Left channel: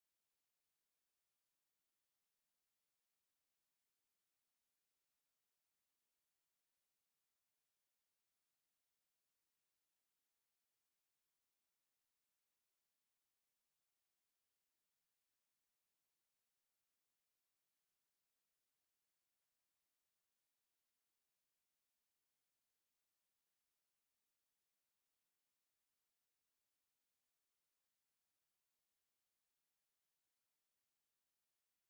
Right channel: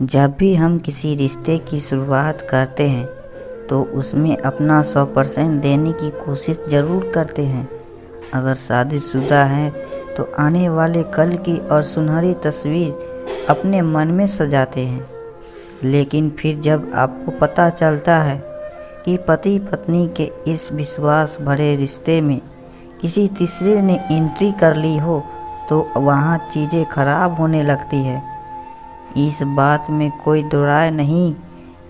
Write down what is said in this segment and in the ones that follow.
जब भी हम किसी रिश्ते की शुरुआत करते हैं तो उसमें अपना 100% देने की कोशिश ज़रूर करते हैं। अगर शादीशुदा हैं तो आने वाले कल की और सुनहरी तस्वीर अपने मन में सजाते हैं। लेकिन फिर जब आपको पता चलता है कि पति पत्नी के इस विश्वास भरे रिश्ते में किसी तीसरे ने एंट्री कर ली हो तो वहाँ चीज़ें खराब होने लगती है। इस बात में कोई दो राय नहीं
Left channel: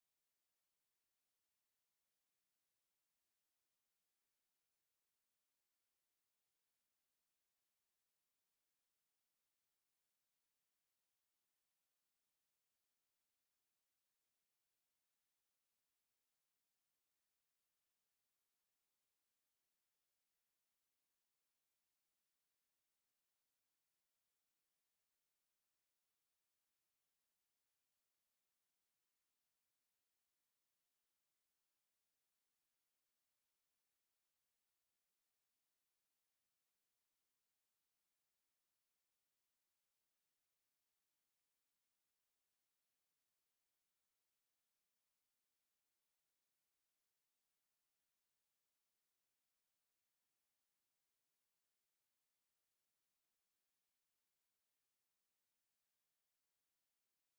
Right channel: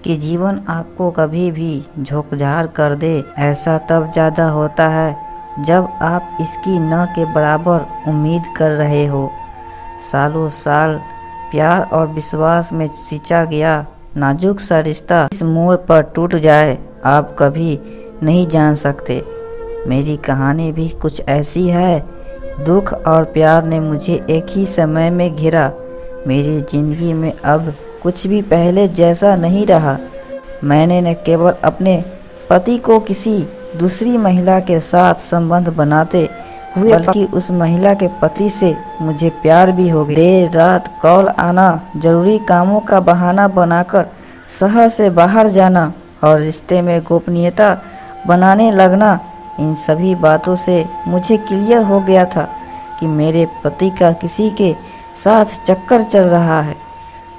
कि जीवन आपको कभी भी झोंकझाड़ कर दे। ऐसा तब ज़्यादा होता है जब आप इसकी न के बराबर उम्मीद कर रहे हो। सालों साल प्यार और विश्वास में सिंचा गया नाजुक सा रिश्ता इस मोड़ पर टूट जाए, आप कभी नहीं जान सकते। मेरी कहानी भी कुछ ऐसी है। दुख और प्यार ने मुझे एक ही समय में घिरा। मेरी ज़िंदगी में अब कुछ भी पहले जैसा नहीं रहा। मैंने न केवल अपने पति को किसी दूसरी महिला के साथ संबंध बनाते हुए बल्कि उस महिला के पति से मुझे प्यार भी हो गया। देर रात कॉल आना, जरूरी कामों का बहाना बनाकर शहर से बाहर जाना और रिश्ते में गोपनीयता बनाने लगना, इन सभी बातों से मुझे क्लियर हो गया था कि मेरे पति का किसी के साथ चक्कर चल रहा है।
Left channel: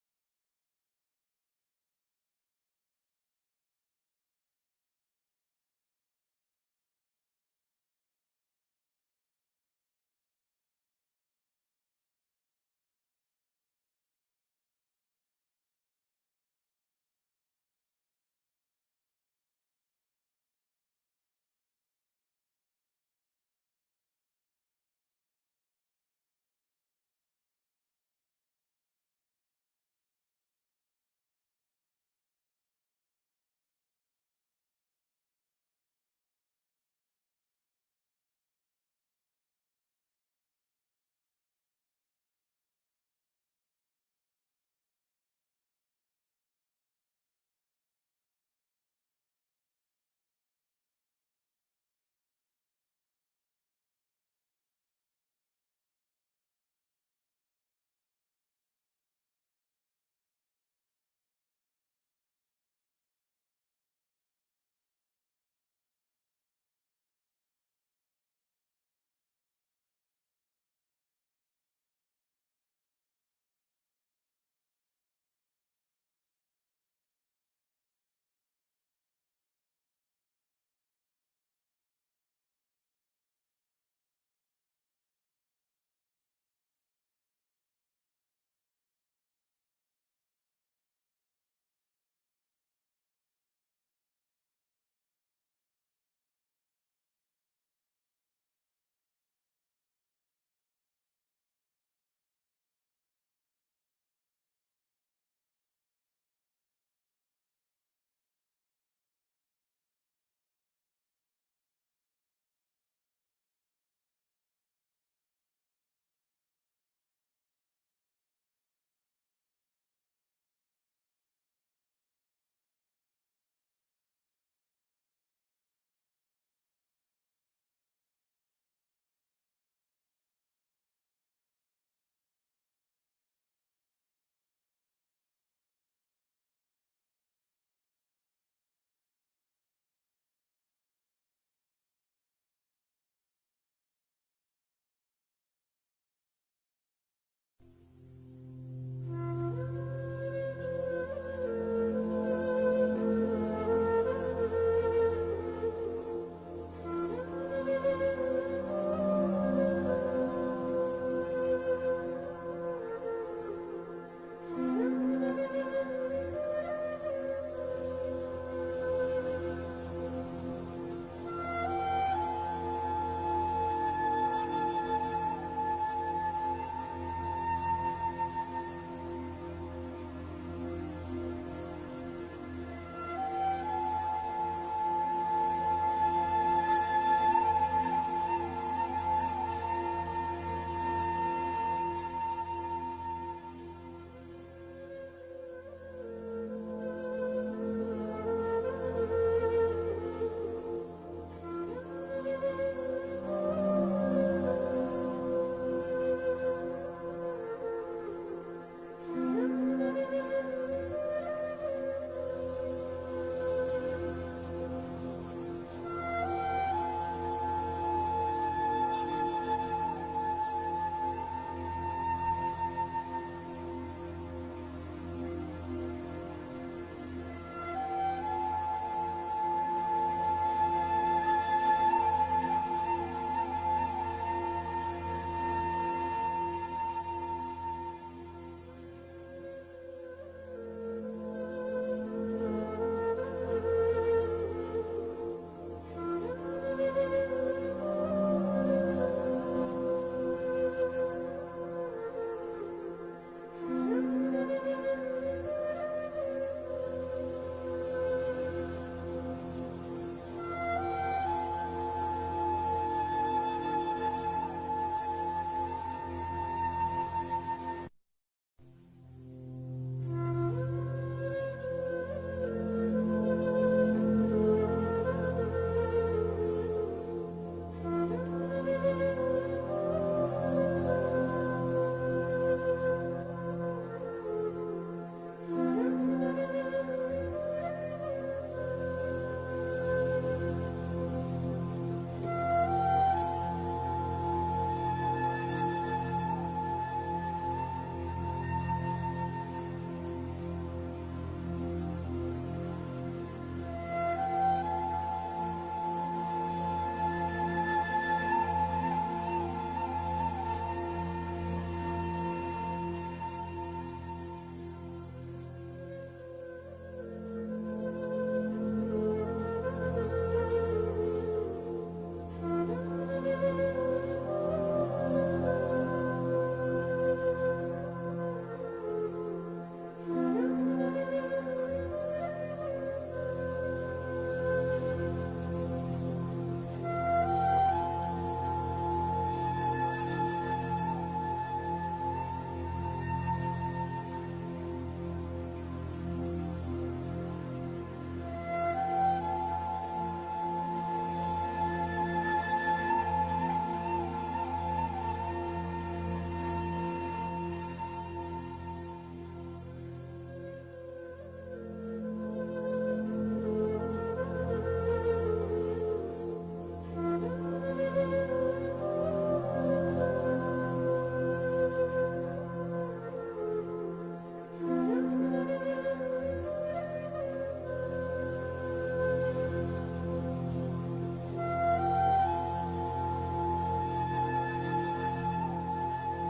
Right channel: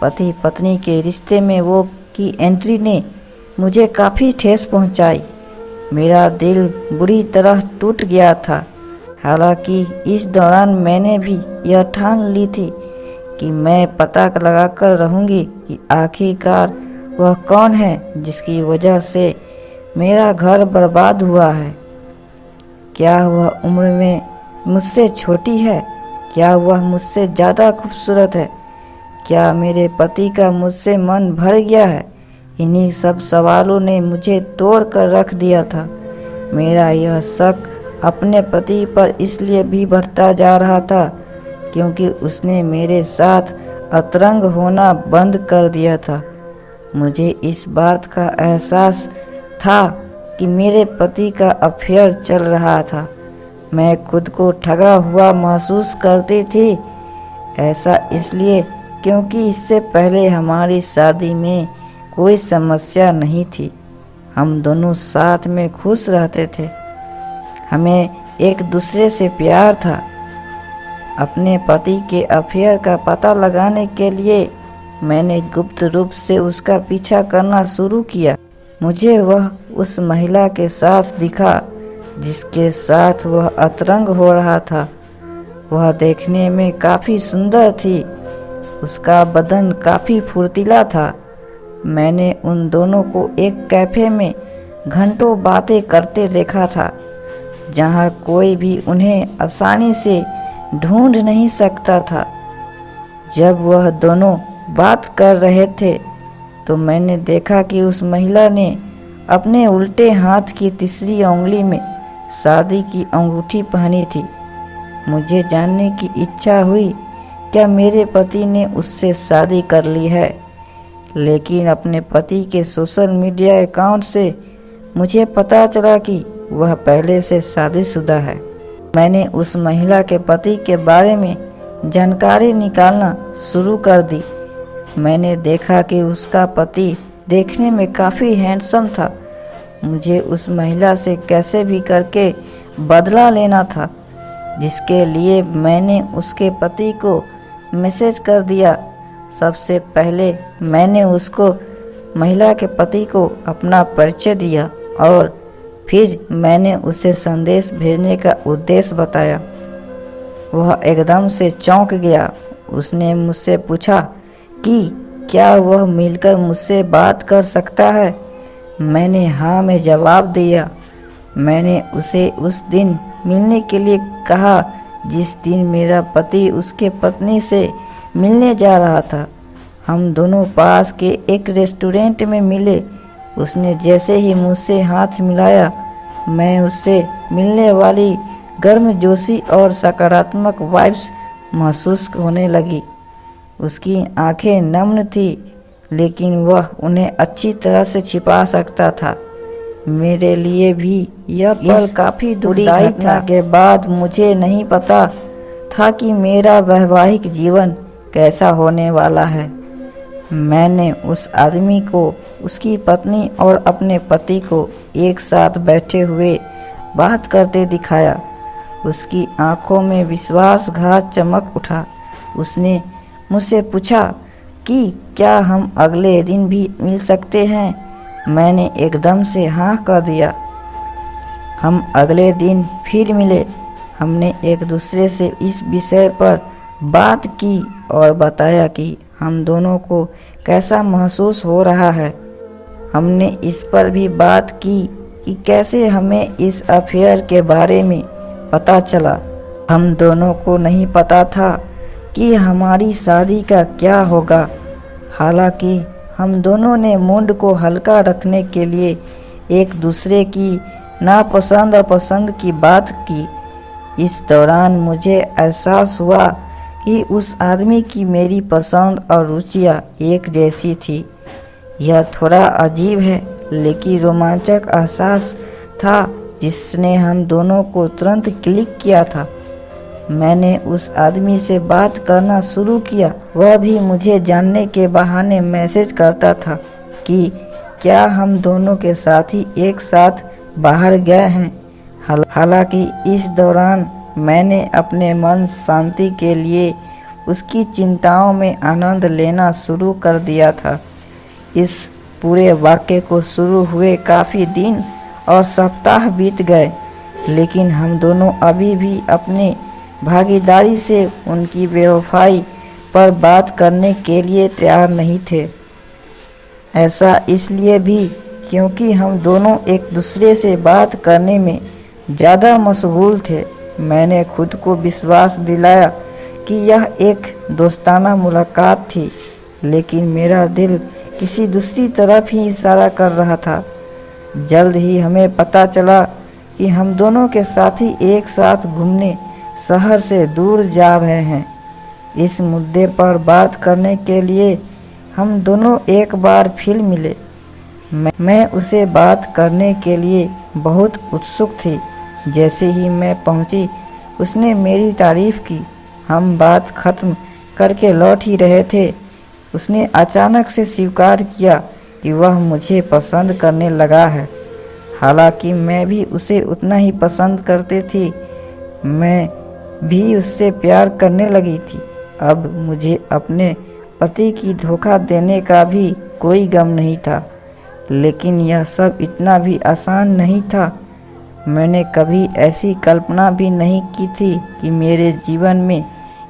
पति पत्नी के रिश्ते में वो की एंट्री ने मुझे काफ़ी ठेस पहुंचाई। मेरा दिल बुरी तरह टूट गया था। हालांकि इस दौरान मैंने भी यह ठान ली थी कि मैं पता लगाकर रहूंगी कि आखिरकार वह कौन है जिसकी वजह से मेरा घर बर्बाद हुआ है। क्या वह उम्र में मुझसे छोटी है? क्या वह मुझसे ज़्यादा खूबसूरत है? क्या मेरे पति का मुझसे मन भर गया है? इन्हीं सब सवालों ने मुझे तोड़ कर रख दिया था। मेरा यह शक अपने पति पर इसलिए भी बढ़ता जा रहा था क्योंकि उसने मेरे साथ अतरंग होना बंद कर दिया था। मुझे इस बात का एहसास था कि मेरे पति का अफेयर चल रहा था। मैं खुद को ठगा हुआ महसूस करती थी। ऐसा इसलिए क्योंकि इससे पहले हमारी शादी में कोई समस्या नहीं थी। हम दोनों साथ में खुश रहते थे। हमें एक दूसरे से प्यार था। अपने पति के अफेयर का पता लगाने के लिए मैंने गुप्त रूप से उसका पीछा करना शुरू किया। मुझे वह उस महिला के साथ दिखा जिसके साथ वह अतरंग हो रहा था। वह देखने में काफ़ी सुंदर थी। उसका बदन काफ़ी फुर्तीला था। मैंने उन दोनों को एक कैफ़े में घंटों बातें करते देखा था, जहां कोई भी उन्हें आसानी से ढूंढ नहीं सकता था। जब वह दोनों बात कर रहे थे तो मैंने देखा कि उस महिला ने अपने उल्टे हाथ की तीसरी उंगली में शादी की अंगूठी पहनी थी। मुझे जानने की इच्छा हुई क्या मेरे पति ने उससे शादी कर ली है, लेकिन अपने पति के सोशल मीडिया अकाउंट से मुझे पता चला कि वह पहले से शादीशुदा है। मैंने उस महिला के पति के बारे में जानकारी निकालना शुरू कर दी। मैंने देखा कि उसका पति देखने में काफ़ी हैंडसम था। मुझे उस महिला से कैसे भी करके बदला लेना था, जिसके लिए मैंने उसके पति को मैसेज कर दिया। सबसे पहले मैंने उसको महिला के पति को अपना परिचय दिया और फिर मैंने उसे संदेश भेजने का उद्देश्य बताया। वह एकदम से चौंक गया। उसने मुझसे पूछा कि क्या वह मिलकर मुझसे बात कर सकता है। मैंने हाँ में जवाब दिया। मैंने उसे उस दिन मिलने के लिए कहा जिस दिन मेरा पति उसके पत्नी से मिलने जा रहा था। हम दोनों पास के एक रेस्टोरेंट में मिले। उसने जैसे ही मुझसे हाथ मिलाया, मैं उससे मिलने वाली गर्मजोशी और सकारात्मक वाइब्स महसूस होने लगी। उसकी आंखें नम्र थी, लेकिन वह उन्हें अच्छी तरह से छिपा सकता था। मेरे लिए भी यह पल काफ़ी दुखदायी था। के बाद मुझे नहीं पता था कि मेरा वैवाहिक जीवन कैसा होने वाला है। मैंने उस आदमी को, उसकी पत्नी और अपने पति को एक साथ बैठे हुए बात करते दिखाया। उसकी आंखों में विश्वासघात चमक उठा। उसने मुझसे पूछा कि क्या हम अगले दिन भी मिल सकते हैं। मैंने एकदम से हाँ कर दिया। हम अगले दिन फिर मिले। हमने एक दूसरे से इस विषय पर बात की और बताया कि हम दोनों को कैसा महसूस हो रहा है। हमने इस पर भी बात की कि कैसे हमें इस अफेयर के बारे में पता चला। हम दोनों को नहीं पता था कि हमारी शादी का क्या होगा। हालांकि हम दोनों ने मूड को हल्का रखने के लिए एक दूसरे की नापसंद और पसंद की बात की। इस दौरान मुझे एहसास हुआ कि उस आदमी की मेरी पसंद और रुचियाँ एक जैसी थी। यह थोड़ा अजीब है, लेकिन रोमांचक एहसास था जिसने हम दोनों को तुरंत क्लिक किया था। मैंने उस आदमी से बात करना शुरू किया। वह भी मुझे जानने के बहाने मैसेज करता था कि क्या हम दोनों के साथी एक साथ बाहर गए हैं। हालांकि इस दौरान मैंने अपने मन शांति के लिए उसकी चिंताओं में आनंद लेना शुरू कर दिया था। इस पूरे वाक़ये को शुरू हुए काफ़ी दिन और सप्ताह बीत गए, लेकिन हम दोनों अभी भी अपने भागीदारी से उनकी बेवफाई पर बात करने के लिए तैयार नहीं थे। ऐसा इसलिए भी क्योंकि हम दोनों एक दूसरे से बात करने में ज़्यादा मशगूल थे। मैंने खुद को विश्वास दिलाया कि यह एक दोस्ताना मुलाकात थी, लेकिन मेरा दिल किसी दूसरी तरफ ही इशारा कर रहा था। जल्द ही हमें पता चला कि हम दोनों के साथी एक साथ घूमने शहर से दूर जा रहे हैं। इस मुद्दे पर बात करने के लिए हम दोनों एक बार फिर मिले। मैं उसे बात करने के लिए बहुत उत्सुक थी। जैसे ही मैं पहुंची, उसने मेरी तारीफ की। हम बात खत्म करके लौट ही रहे थे, उसने अचानक से स्वीकार किया कि वह मुझे पसंद करने लगा है। हालांकि मैं भी उसे उतना ही पसंद करती थी। मैं भी उससे प्यार करने लगी थी। अब मुझे अपने पति की धोखा देने का भी कोई गम नहीं था, लेकिन यह सब इतना भी आसान नहीं था। मैंने कभी ऐसी कल्पना भी नहीं की थी कि मेरे जीवन में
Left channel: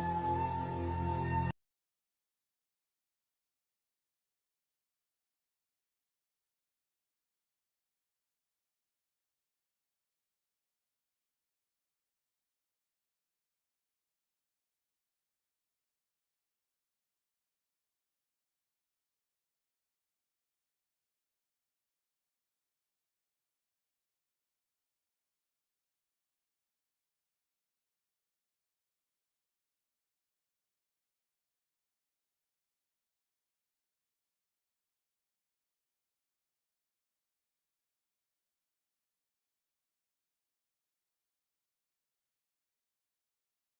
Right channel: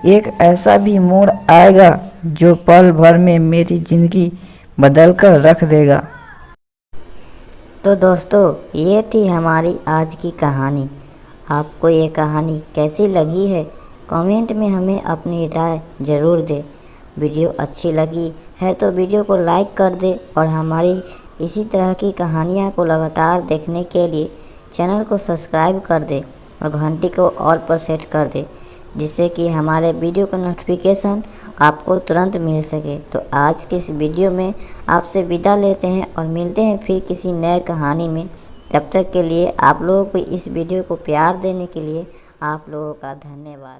एक ऐसा भी मोड़ आएगा जो पल भर में मेरी ज़िंदगी बदल कर रख देगा। तो दोस्तों, ये थी हमारी आज की कहानी। आपको ये कहानी कैसी लगी है, कमेंट में हमें अपनी राय ज़रूर दें। वीडियो अच्छी लगी है तो वीडियो को लाइक कर दें और हमारी इसी तरह की कहानियाँ को लगातार देखने के लिए चैनल को सब्सक्राइब कर दें और घंटी को ऑल पर सेट कर दें, जिससे कि हमारे वीडियो का नोटिफिकेशन आपको तुरंत मिल सके। तो आज के इस वीडियो में आपसे विदा लेते हैं और मिलते हैं फिर किसी नए कहानी में। तब तक के लिए आप लोगों को इस वीडियो को प्यार देने के लिए आप लोगों का धन्यवाद।